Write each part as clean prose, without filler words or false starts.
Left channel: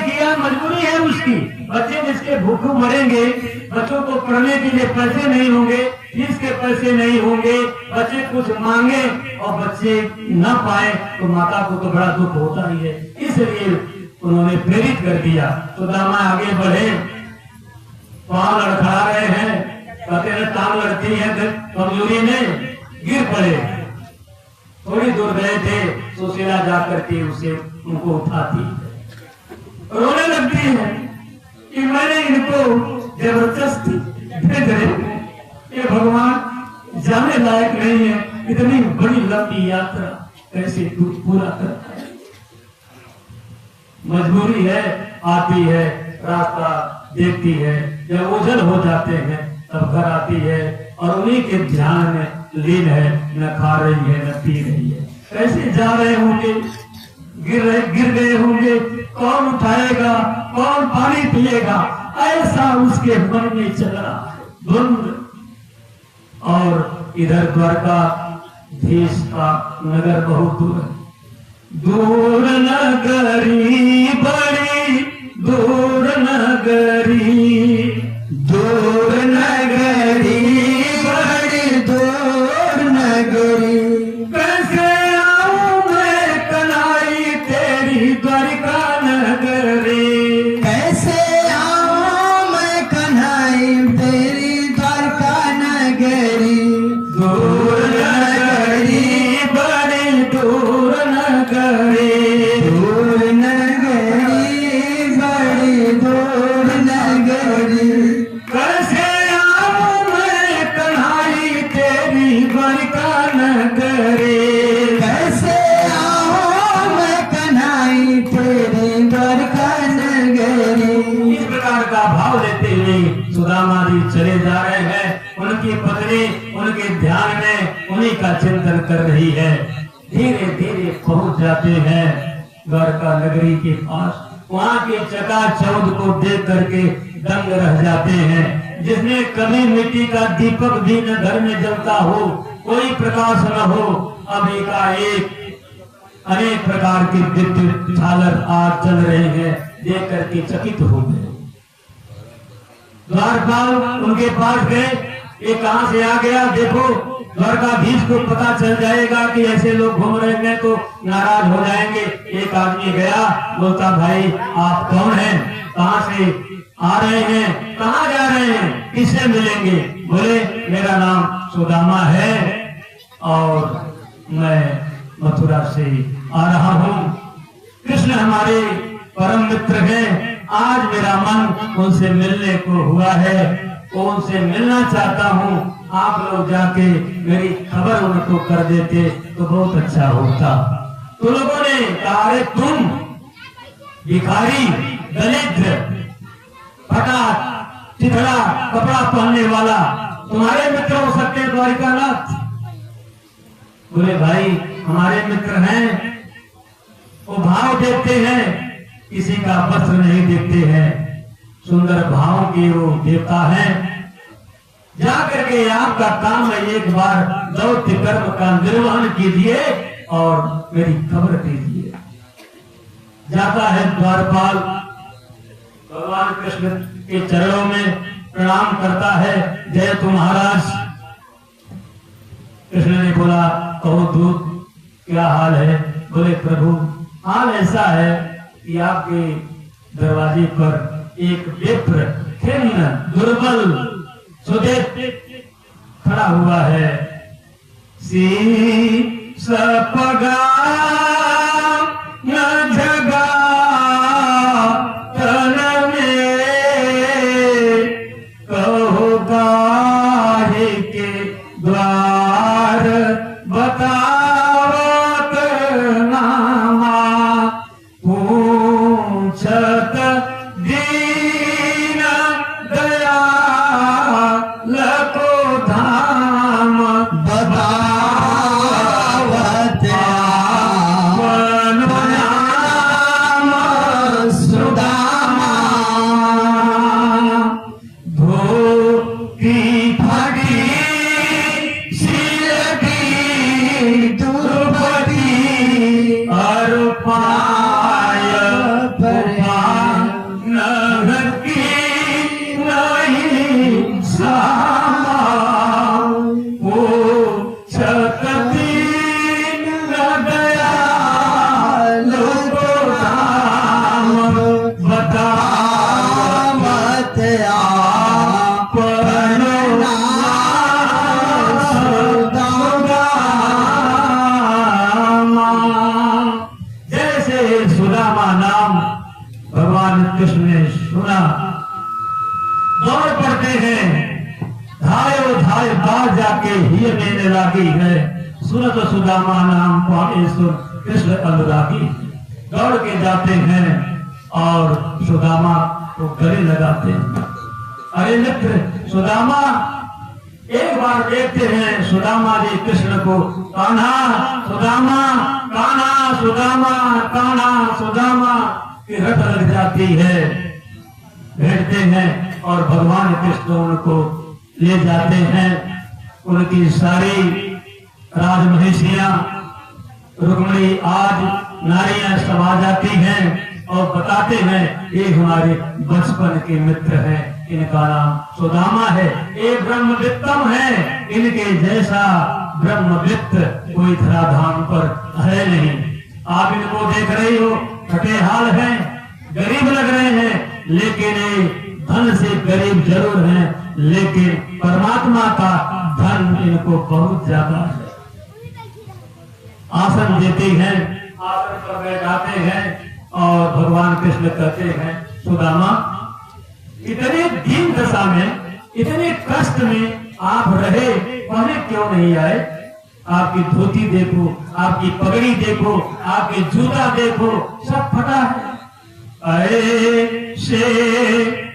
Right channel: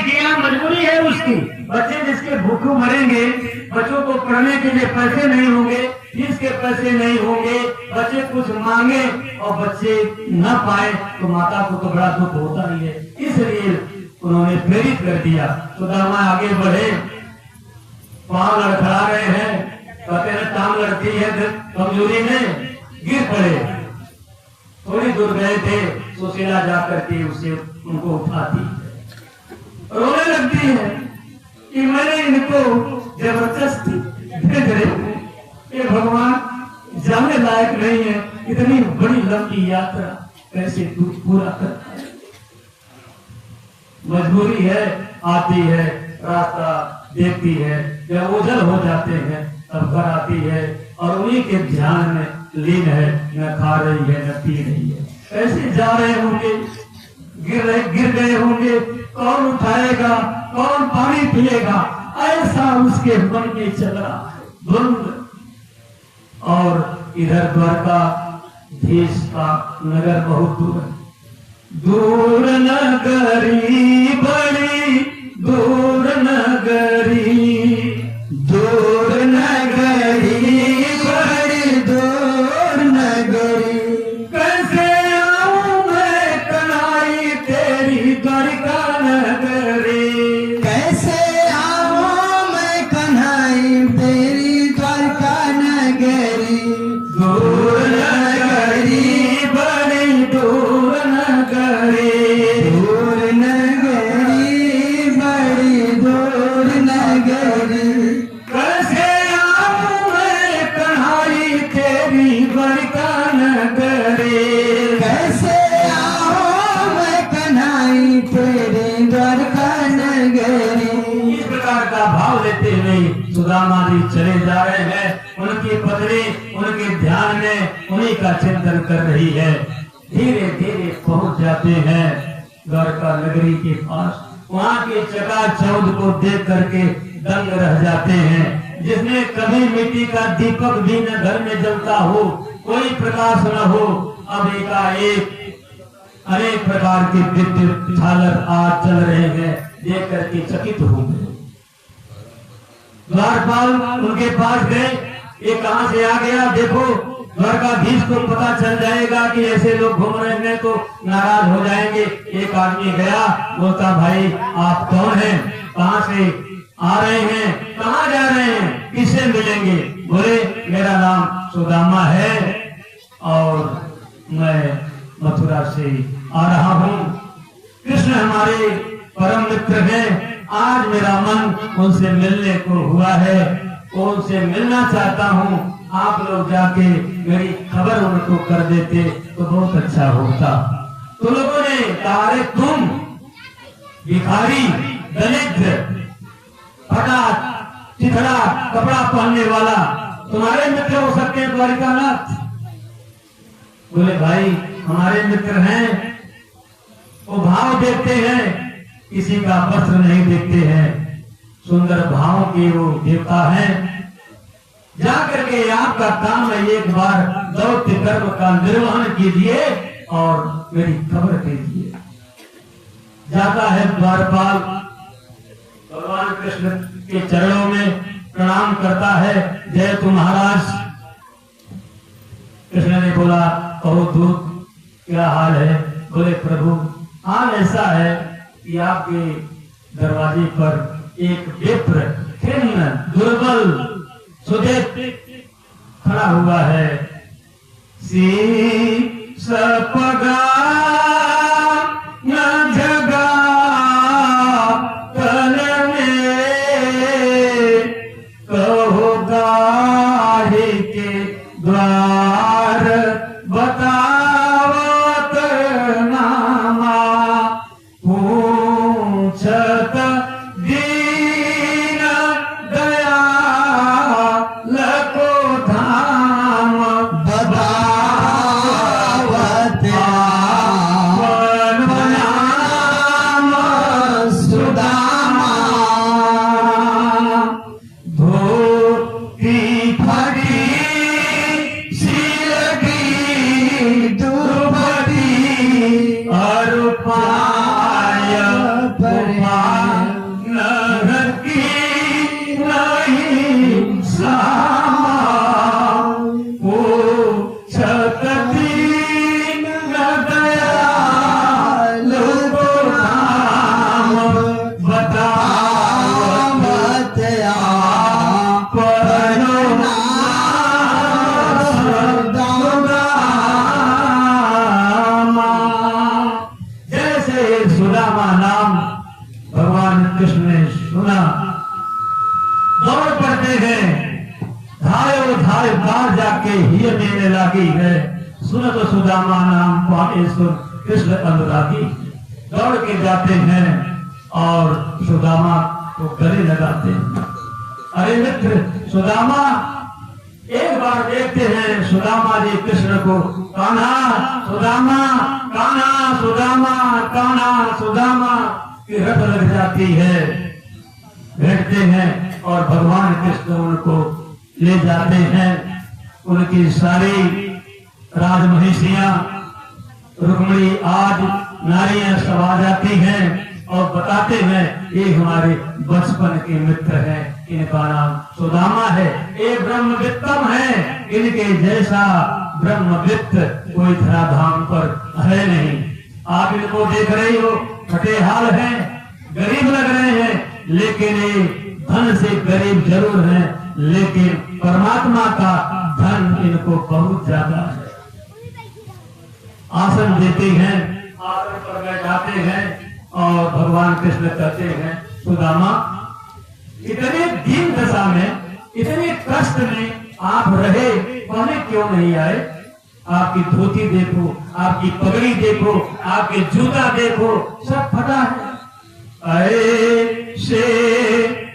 नहीं किया, मजबूरी है उसकी। बच्चे जिसके भूखे मरेंगे, बच्चों को पढ़ने के लिए पैसे नहीं होंगे, फीस के पैसे नहीं होंगे, बच्चे कुछ मांगे और बच्चे न पाए तो माता को तो बड़ा दुख होता ही है। इसलिए उन्होंने प्रेरित कर दिया। सुदामा आगे बढ़े, पांव लड़खड़ा रहे हैं, कहते हैं टांग लड़ती है, कमजोरी में गिर पड़े। थोड़ी दूर गए थे, सुशीला जाकर के उसे उनको उठाती है, रोने लगती है कि मैंने इनको जबरदस्ती भेज रहे हूं, ये भगवान जाने लायक नहीं है, इतनी बड़ी लंबी यात्रा कैसे पूरा करता है। मजबूरी है, आती है, रास्ता देखती है, जब ओझल हो जाते हैं तब घर आती है और उन्हीं के ध्यान में लीन है, न खा रही है न पी रही है। ऐसे जा रहे होंगे, गिर गए होंगे, कौन उठाएगा, कौन पानी पिएगा, ऐसा उसके मन में चला द्वंद। और इधर द्वारका देश का नगर बहुत दूर है, दूर नगरी बड़ी दूर नगरी, दूर नगरी बड़ी दूर नगरी, कैसे आऊं मैं कनाई तेरी द्वारका नगरी, कैसे आऊं मैं कन्हाई तेरी द्वारका नगरी, दूर नगरी बड़ी दूर नगरी, दूर नगरी बड़ी दूर नगरी, कैसे आऊं मैं कन्हाई तेरी द्वारका नगरी, कैसे आऊं मैं कन्हाई तेरी द्वारका नगरी। इस प्रकार का भाव लेते हुए सुदामा जी चले जा रहे हैं। उनकी पत्नी उनके ध्यान में उन्हीं का चिंतन कर रही है। धीरे धीरे पहुंच जाते हैं द्वारका नगरी के पास। वहाँ के चकाचौंध को देख करके दंग रह जाते हैं। जिसने कभी मिट्टी का दीपक भी न घर में जलता हो, कोई प्रकाश न हो, अब एकाएक अनेक प्रकार के विद्युत झालर आज चल रहे हैं, देख करके चकित हो गए। द्वारपाल उनके पास गए, ये कहाँ से आ गया देखो, द्वारकाधीश को पता चल जाएगा कि ऐसे लोग घूम रहे हैं तो नाराज हो जाएंगे। एक आदमी गया, बोलता भाई आप कौन हैं, कहाँ से आ रहे हैं, कहाँ जा रहे हैं, किससे मिलेंगे? बोले मेरा नाम सुदामा है और मैं मथुरा से आ रहा हूँ। कृष्ण हमारे परम मित्र हैं, आज मेरा मन उनसे मिलने को हुआ है, उनसे मिलना चाहता हूँ। आप लोग जाके मेरी खबर उनको कर देते तो बहुत अच्छा होता। तो लोगों ने कहा अरे तुम भिखारी, दरिद्र, फटा चिथड़ा कपड़ा पहनने वाला, तुम्हारे मित्र हो सकते हैं द्वारिकानाथ? बोले भाई हमारे मित्र हैं, वो भाव देखते हैं, किसी का वस्त्र नहीं देखते हैं, सुंदर भाव के वो देवता हैं। जा करके आपका काम है, एक बार दौत्य कर्म का निर्वहन कीजिए और मेरी खबर दीजिए। जाता है द्वारपाल, भगवान कृष्ण के चरणों में प्रणाम करता है, जय तु महाराज। कृष्ण ने बोला कहो दूत क्या हाल है? बोले प्रभु हाल ऐसा है कि आपके दरवाजे पर एक विप्र खिन्न दुर्बल सुदेश खड़ा हुआ है। सी सपगा न जगा तन में, कहो गाहे के द्वार बतावत नामा, पूछत दीन दया लको धाम, बतावत नाम सुदामा, धोती फटी सिर की दुर्बती, और पाय कृष्ण ने सुना, दौड़ पड़ते हैं, धायो धाय बाहर जाके ही देने लगी है। सुनत सुदामा नाम पाए सुन कृष्ण अनुरागी। दौड़ के जाते हैं और सुदामा को गले लगाते हैं। अरे मित्र सुदामा, एक बार देखते हैं सुदामा जी कृष्ण को, कान्हा सुदामा, कान्हा सुदामा, कान्हा सुदामा की रट लग जाती है। बैठते हैं और भगवान कृष्ण उनको ले जाते हैं। उनकी सारी राजमहिषियां, रुक्मिणी आदि नारियां सब आ जाती हैं और बताते हैं ये हमारे बचपन के मित्र हैं, इनका नाम सुदामा है, ये ब्रह्मवित्तम है, इनके जैसा ब्रह्मवित्त कोई धराधाम पर है नहीं। आप इनको देख रहे हो, खटेहाल हैं, गरीब लग रहे हैं, लेकिन ये धन से गरीब जरूर हैं, लेकिन परमात्मा का धन इनको बहुत ज्यादा है। आसन देते हैं, आसन पर बैठाते हैं और भगवान कृष्ण कहते हैं, सुदामा इतने दीन दशा में, इतने कष्ट में आप रहे, पहले क्यों नहीं आए? आपकी धोती देखो, आपकी पगड़ी देखो, आपके जूता देखो, सब फटा है। अरे से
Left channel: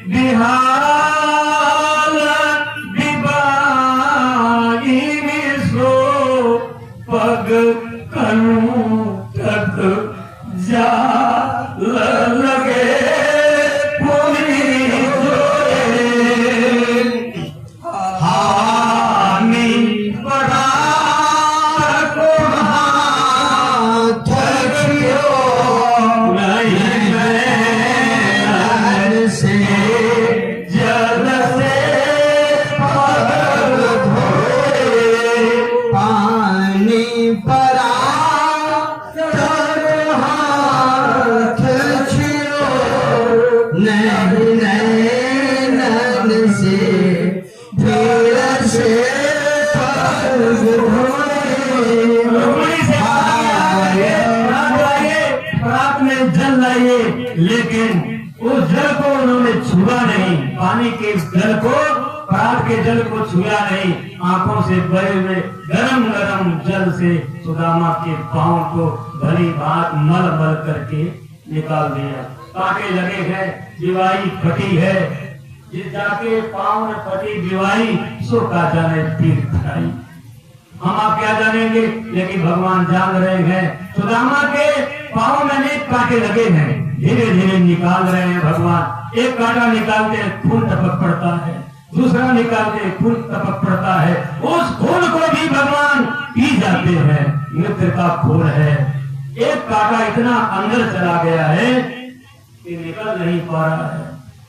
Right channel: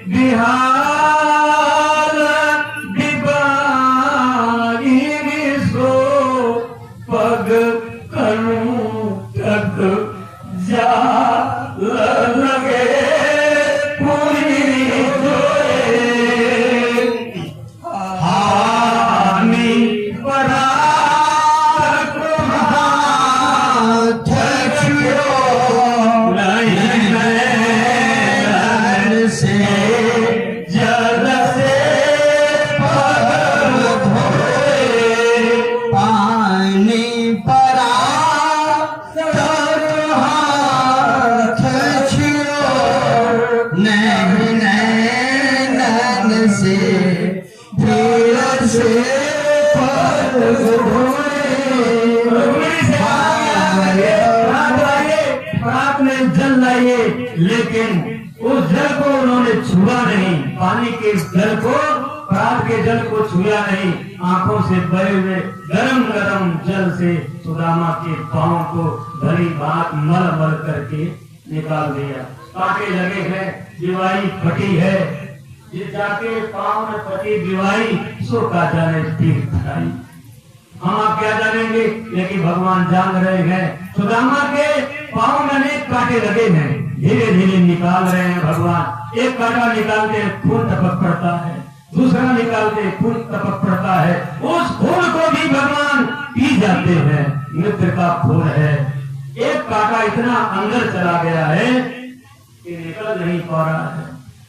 बिहार बिबाई सो पग करूं तक जा लगे पूरी जोरे हानि बड़ा को हाथ नहीं से जल से पग धोए पानी पड़ा नहीं नैनन से फिर से रात में जल लाइए, लेकिन उस जल को उन्होंने छुआ नहीं, पानी के जल को, प्रात के जल को छुआ नहीं। आंखों से बहे हुए गरम गरम जल से सुदामा के पांव को भली भांत मल मल करके निकाल दिया। कांटे लगे हैं, दिवाई फटी है, जिस जाके पांव में फटी दिवाई सो का जाने तीर्थ आई। हम आप क्या जानेंगे, लेकिन भगवान जान रहे हैं। सुदामा के पांव में अनेक कांटे लगे हैं, धीरे धीरे निकाल रहे हैं भगवान। एक कांटा निकालते खून टपक पड़ता है, दूसरा निकालते खून टपक पड़ता है, उस खून को भी भगवान पी जाते हैं। मित्र का खून है, एक कांटा इतना अंदर चला गया है कि निकल नहीं पा रहा है।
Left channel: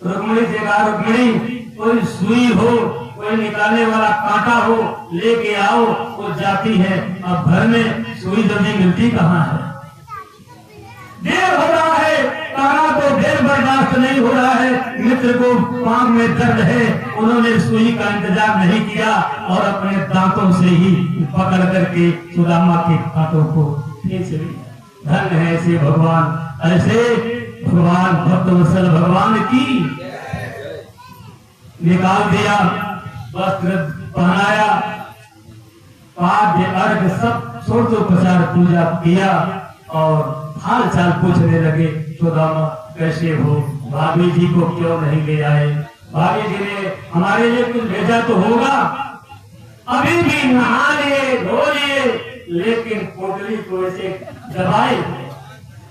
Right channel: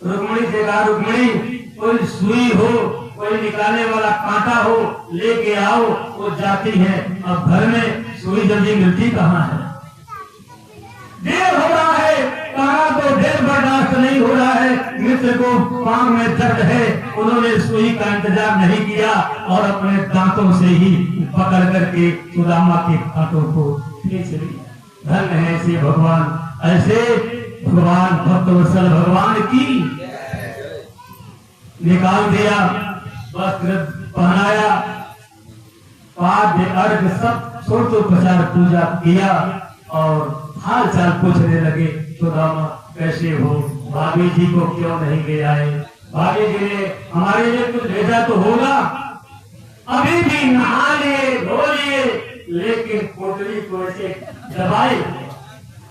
रुक्मिणी से कहा, रुक्मिणी कोई सुई हो, कोई निकालने वाला कांटा हो, लेके आओ। वो जाती है, अब घर में सुई जल्दी मिलती कहाँ है? देर हो रहा है, कान्हा को देर बर्दाश्त नहीं हो रहा है, मित्र को पांव में दर्द है, उन्होंने सुई का इंतजार नहीं किया और अपने दांतों से ही पकड़ करके सुदामा के हाथों को खींच लिया। धन्य है ऐसे भगवान, ऐसे भगवान भक्तवत्सल भगवान की। निकाल दिया, वस्त्र पहनाया, पाद्य अर्घ सब षोडशोपचार पूजा किया और हाल चाल पूछने लगे, सुदामा कैसे हो, भाभी जी को क्यों नहीं ले आए? भाभी जी ने हमारे लिए कुछ भेजा तो होगा। अभी भी नहा लिए, धो लिए, लेकिन पोटली को ऐसे दबाए।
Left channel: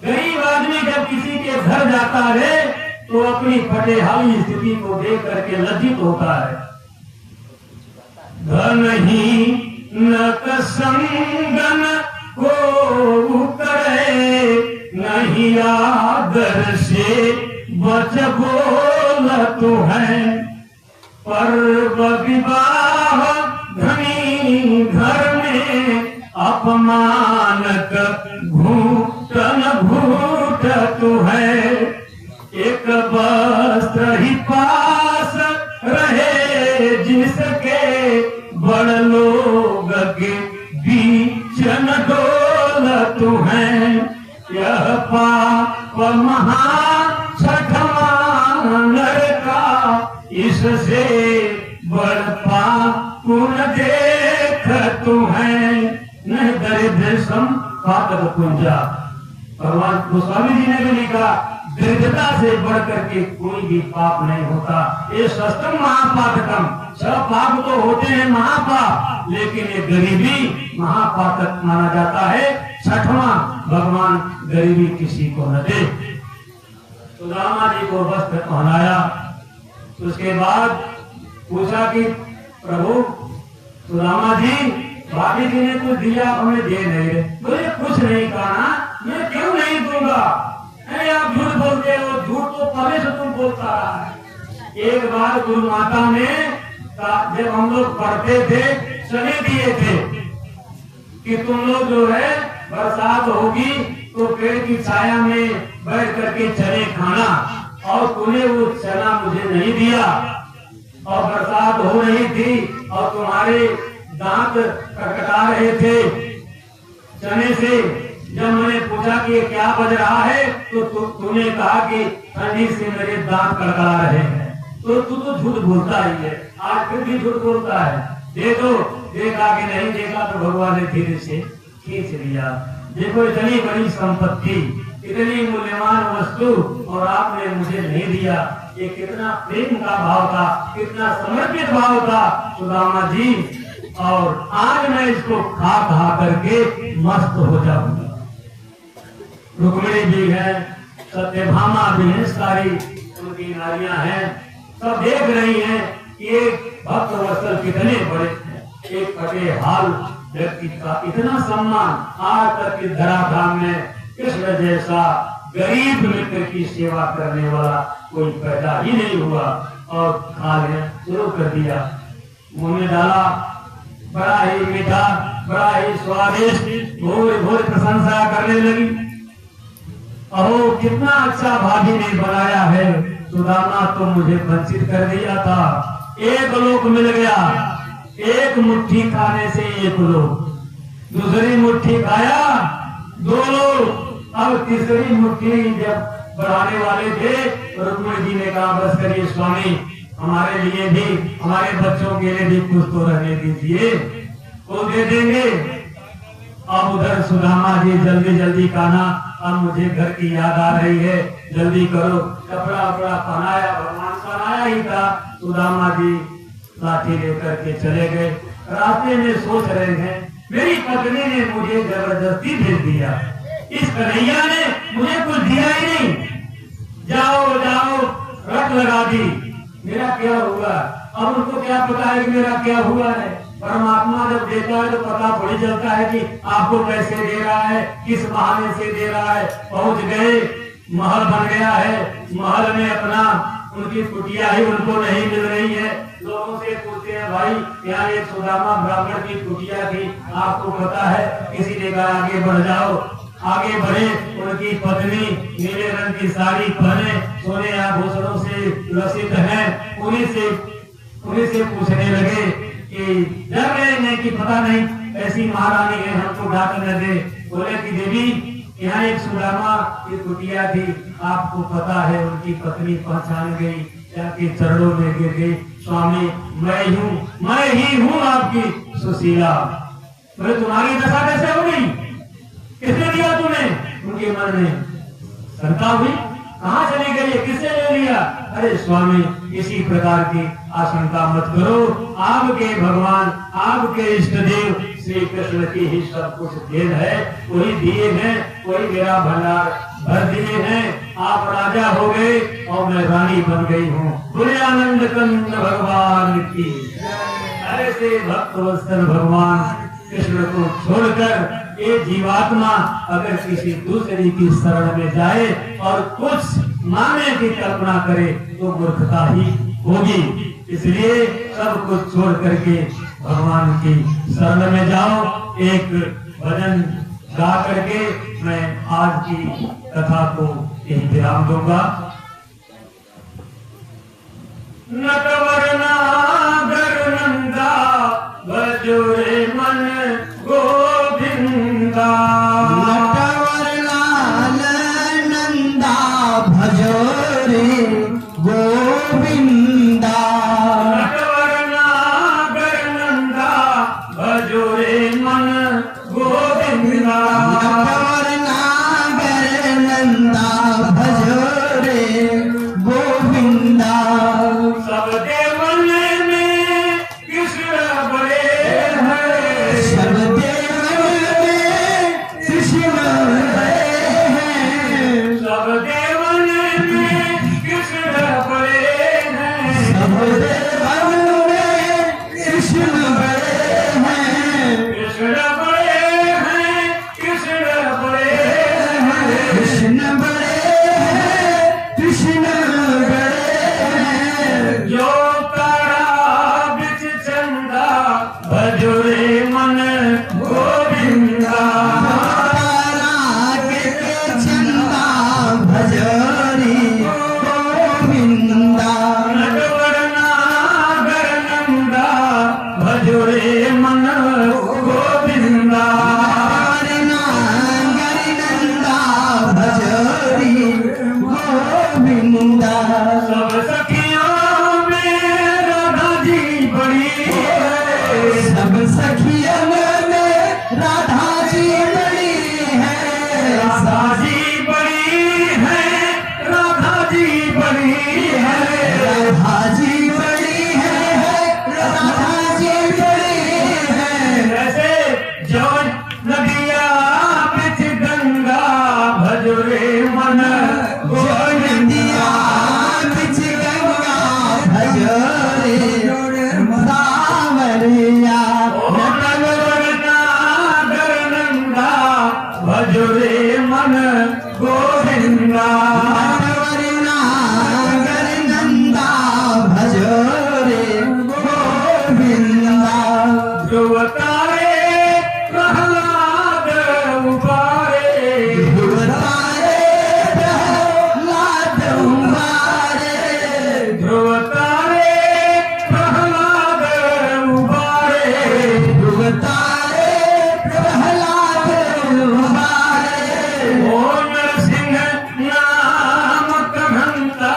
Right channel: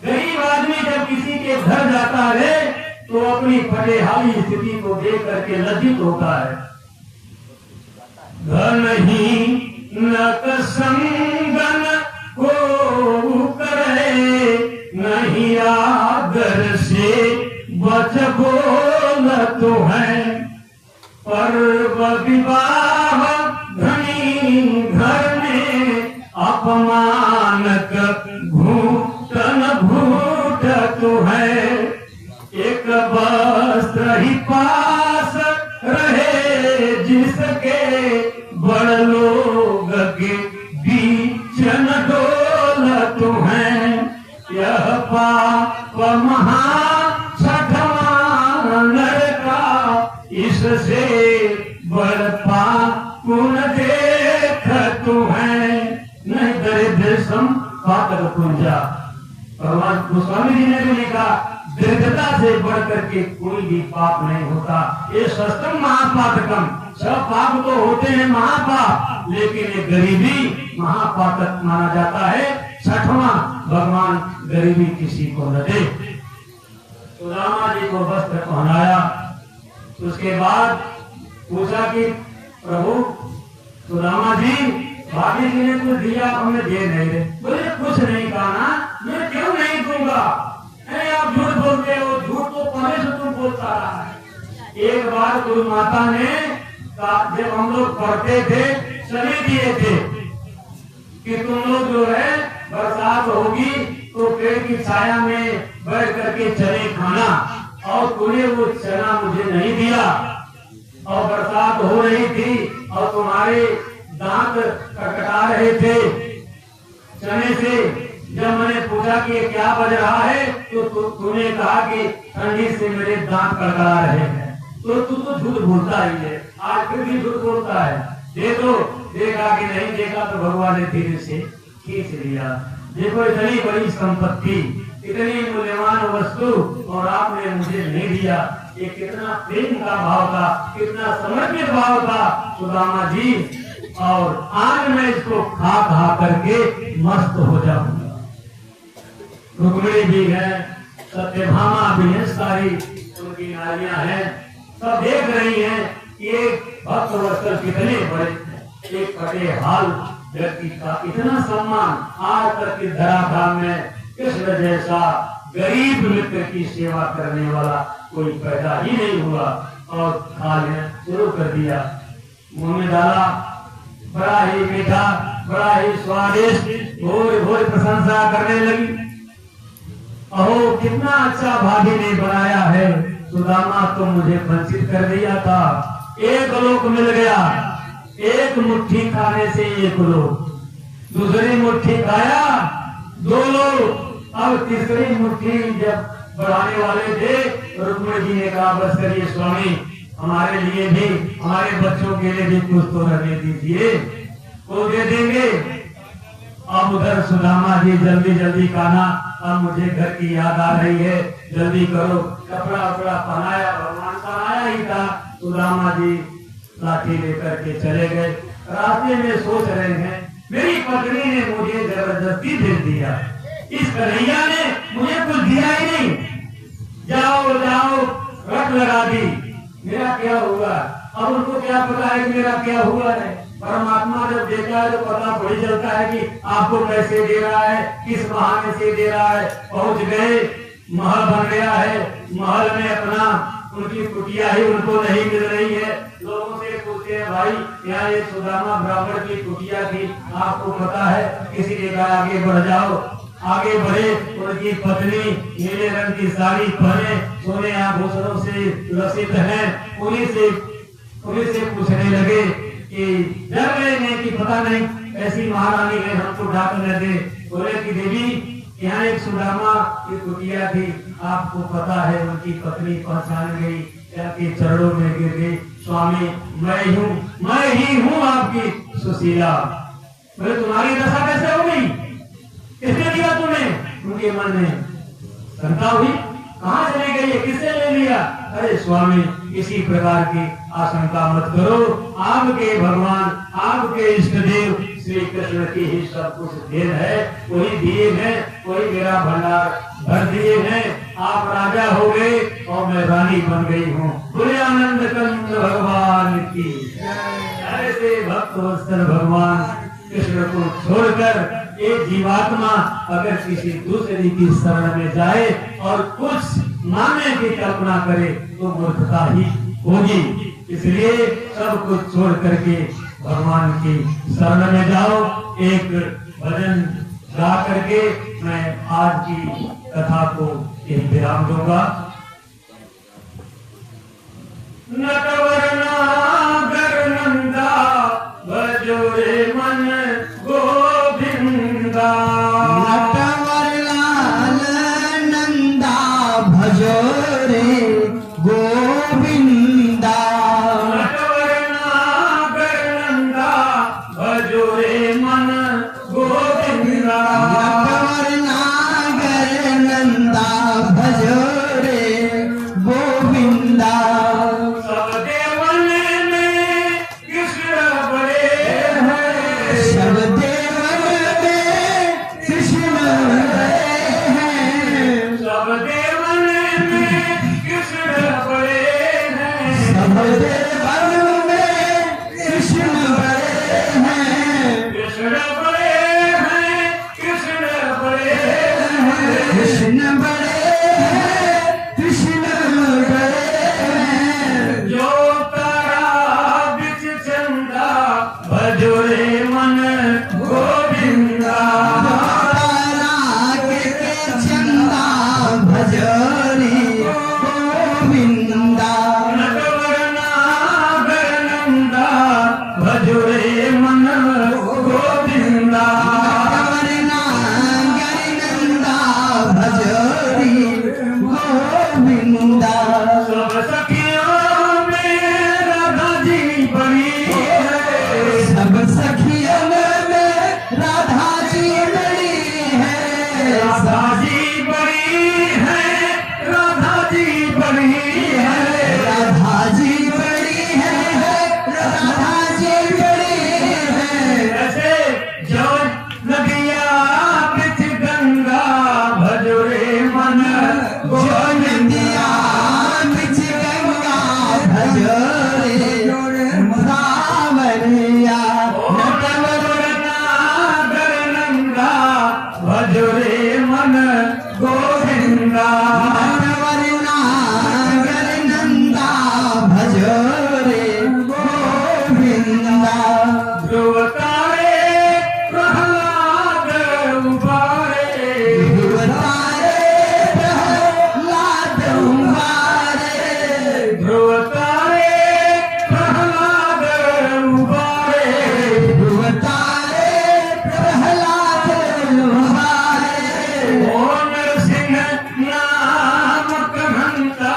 गरीब आदमी जब किसी के घर जाता है तो अपनी फटेहाली स्थिति को देख करके लज्जित होता है। धन ही नक संगन को करे, नहीं आदर से बच बोल तो है। पर्व विवाह धनी घर में अपमान घूटन घूट तो है। एक वस्त्र ही पास रहे जिसके, बड़ लोग के बीच न डोलत है। यह पाप महा छठवा इससे बड़ पापुन देख तू है, नहीं दरिद्र सम पातक पुंजा। भगवान गोस्वामी जी ने भी लिखा, दरिद्रता से बढ़कर के कोई भी पाप नहीं होता। ये सस्तम महापातकम, सब पाप तो होते हैं महापाप, लेकिन ये गरीबी महापातक माना जाता है। छठवां, भगवान गरीबी किसी को न दे। सुदामा जी को वस्त्र पहनाया, उसके बाद पूछा कि प्रभु सुदामा जी, भाभी जी ने कुछ दिया, हमें दे नहीं रहे। बोले कुछ नहीं कहा ना, मैं क्यों नहीं दूंगा? अरे आप झूठ बोलते हो, झूठ तो पहले से तुम बोलता रहा है। एक बार गुरु माता ने जब हम लोग पढ़ते थे, चने दिए थे कि तुम लोग जो है बरसात होगी तो पेड़ की छाया में बैठ करके चने खाना, और तूने वो चना मुझे नहीं दिया, और बरसात हो रही थी और तुम्हारे दांत कटकटा रहे थे चने से। जब मैंने पूछा कि ये क्या बज रहा है, तो तूने कहा कि ठंडी से मेरे दांत कड़कड़ा रहे हैं। तो तू तो झूठ बोलता ही है, आज फिर भी झूठ बोलता है। देखो, देखा कि नहीं देखा, तो भगवान ने धीरे से खींच लिया। देखो, इतनी बड़ी संपत्ति, इतनी मूल्यवान वस्तु, और आपने मुझे नहीं दिया। ये कितना प्रेम का भाव था, कितना समर्पित भाव था सुदामा जी। और आज मैं इसको खा खा करके मस्त हो जाऊंगा। रुक्मिणी भी है, सत्यभामा भी है, सारी उनकी नारियां हैं, सब देख रही हैं कि एक भक्त वत्सल कितने बड़े हैं। एक फटे हाल व्यक्ति का इतना सम्मान आज तक की धराधाम में कृष्ण जैसा गरीब मित्र की सेवा करने वाला कोई पैदा ही नहीं हुआ। और खाने शुरू कर दिया, मुंह में डाला, बड़ा ही मीठा, बड़ा ही स्वादिष्ट, भोर भोर प्रशंसा करने लगी। अहो, कितना अच्छा भाभी ने बनाया है, सुदामा तो मुझे वंचित कर दिया था। एक लोक मिल गया, एक मुट्ठी खाने से एक लोक, दूसरी मुट्ठी खाया 2 लोग, अब तीसरी मुट्ठी जब बढ़ाने वाले थे, रुक्मिणी जी ने कहा, बस करिए स्वामी, हमारे लिए भी, हमारे बच्चों के लिए भी कुछ तो रहने दीजिए, वो दे देंगे। अब उधर सुदामा जी जल्दी जल्दी खाना, अब मुझे घर की याद आ रही है, जल्दी करो। कपड़ा वपड़ा पहनाया, भगवान का आया ही था। सुदामा जी लाठी लेकर के चले गए। रास्ते में सोच रहे हैं, मेरी पत्नी ने मुझे जबरदस्ती भेज दिया, इस कन्हैया ने मुझे कुछ दिया ही नहीं, जाओ जाओ रट लगा दी, मेरा क्या हुआ? अब उनको क्या पता है कि मेरा क्या हुआ है? परमात्मा जब देता है तो पता थोड़ी चलता है कि आपको कैसे दे रहा है, किस बहाने से दे रहा है। पहुंच गए, महल बन गया है, महल में अपना उनकी कुटिया ही उनको नहीं मिल रही है। लोगों से पूछते हैं, भाई यहाँ एक सुदामा ब्राह्मण की कुटिया थी, आपको पता है? किसी ने कहा आगे बढ़ जाओ। आगे बढ़े, उनकी पत्नी नीले रंग की साड़ी पहने, सोने आभूषणों से लसित है, उन्हीं से पूछने लगे कि डर गए नहीं कि पता नहीं ऐसी महारानी है, हमको डांट न दे। बोले कि देवी, यहाँ एक सुदामा की कुटिया थी, आपको पता है? उनकी पत्नी पहचान गई, जाके चरणों में गिर गई, स्वामी मैं ही हूँ आपकी सुशीला। बोले तुम्हारी दशा कैसे हो गई, किसने दिया तुम्हें? उनके मन में शंका हुई, कहाँ चली गई है, किसने ले लिया? अरे स्वामी, इसी प्रकार की आशंका मत करो, आपके भगवान, आपके इष्ट देव श्री कृष्ण की ही सब कुछ देन है, वही दिए हैं, वही मेरा भंडार भर दिए हैं। आप राजा हो गए और मैं रानी बन गई हूँ। बोले आनंद कंद भगवान की। ऐसे भक्त वत्सल भगवान कृष्ण को छोड़कर ये जीवात्मा अगर किसी दूसरे की शरण में जाए और कुछ माने की कल्पना करे तो मूर्खता ही होगी। इसलिए सब कुछ छोड़ करके भगवान की शरण में जाओ। एक भजन गा करके मैं आज की कथा को यही विराम दूंगा। नटवर नागर नंदा भजो रे मन गोविंदा, नटवर लाल नंदा भजो रे गोविंदा। कृष्ण बड़े हैं। सबसे वन में कृष्ण बड़े हैं। कृष्ण बड़े हैं, कृष्ण बड़े हैं। कृष्ण बड़े हैं, कृष्ण बड़े हैं। जो तारा बिच चंदा भजोरे मन गोविंदा। तारा के चंदा भजोरी गोविंदा। नटवरना गरनंदा भजोरे मन गोविंदा। वरना गरिनंदा भजोरी गोविंदा। सब सखियों में राधा जी बड़ी है। सब सखियों में राधा जी बड़ी है। राधा जी बड़ी है, राधा जी बड़ी है। राधा जी बड़ी है। राधा जी बड़ी है। ऐसे जो नदिया बिच गंगा भजोरे मन जो नदिया बिच गंगा भजोरे सावरिया। नटवरना गरनंदा भजोरे मन गोविंदा। वरना गरिनंदा भजोरे गोविंदा। ध्रुव तारे प्रहलाद उबारे। ध्रुवतारे प्रहलाद उबारे। ध्रुव तारे प्रहलाद उबारे। ध्रुवतारे प्रहलाद उबारे। ओ नरसिंह नाम कहंता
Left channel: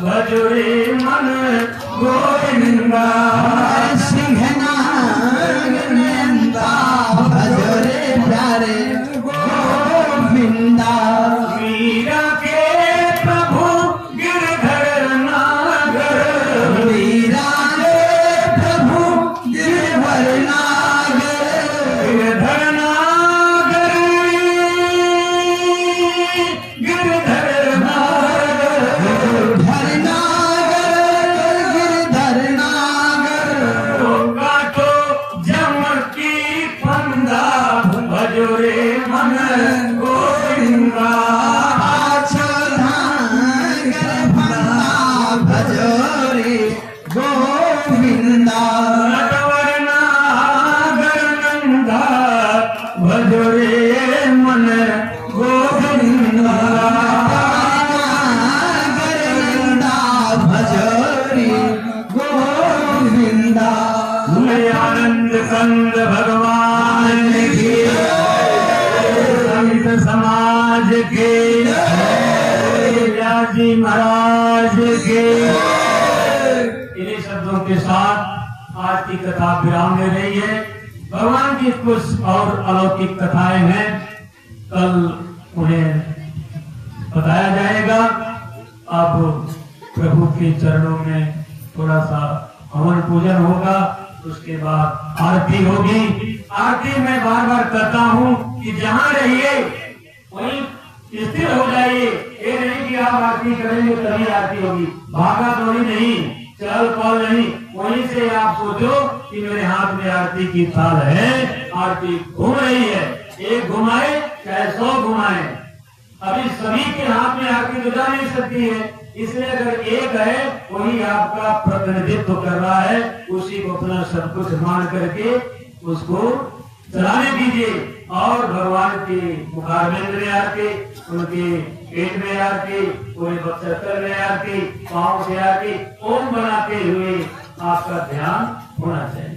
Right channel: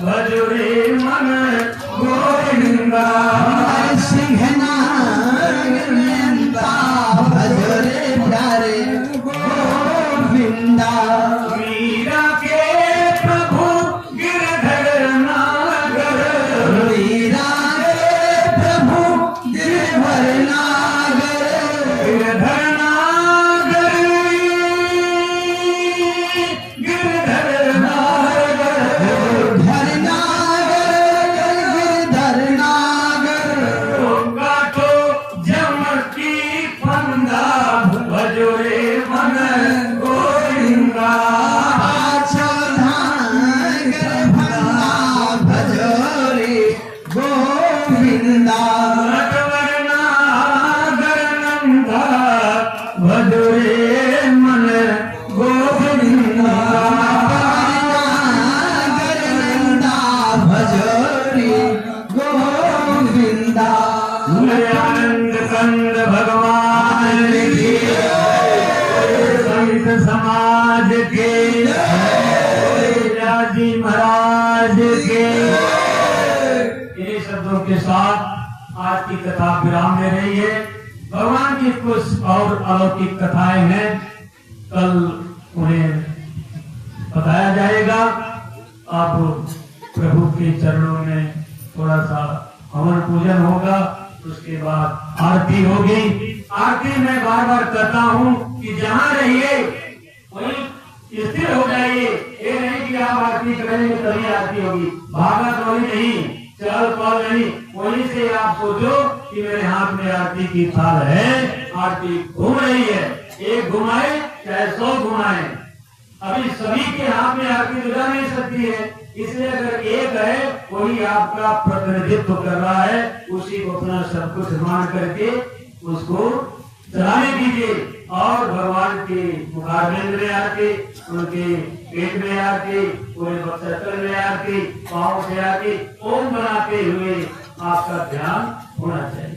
भजोरे मन गोविंदा। सिंह नंदा भजोरे प्यारे गोविंदा। मीरा के प्रभु गिरधर नागर। मीरा रे प्रभु गिरधर नागर। गिरधर नागर, गिरधर नागर। गिरधर नागर। गिरधर नागर। गंगा तो जम की फंदा भजोरे मन गोविंदा। आछो धान गर्भा भजोरे गोविंदा। नटवरना गरनंदा भजोरे मन गोविंदा। गरिंदा भजोरे गोविंदा। आनंद कंद भगवान के संत समाज के राजी महाराज के। इन्हीं शब्दों के साथ आज की कथा विराम ले रही है। भगवान की कुछ और अलौकिक कथाएं हैं, कल उन्हें बताया जाएगा। अब प्रभु के चरणों में थोड़ा सा हवन पूजन होगा, उसके बाद आरती होगी। आरती में बार बार कहता हूँ कि जहाँ रहिए वहीं स्थिर हो जाइए। ये नहीं कि आप आरती करेंगे तभी आरती होगी, भागा दौड़ी नहीं, चल पल नहीं। वहीं से आप सोचो कि मेरे हाथ में आरती की थाल है, आरती घूम रही है। एक घुमाए चाहे 100 घुमाए, अभी सभी के हाथ में आरती तो जा नहीं सकती है। इसलिए अगर एक है वही आपका प्रतिनिधित्व कर रहा है, उसी को अपना सब कुछ मान करके उसको चलाने दीजिए। और भगवान के मुखारविंद में आरती, उनके पेट में आरती, पूरे बक्षस्थल में आरती, पाँव से आरती, ओम बनाते हुए आपका ध्यान होना चाहिए।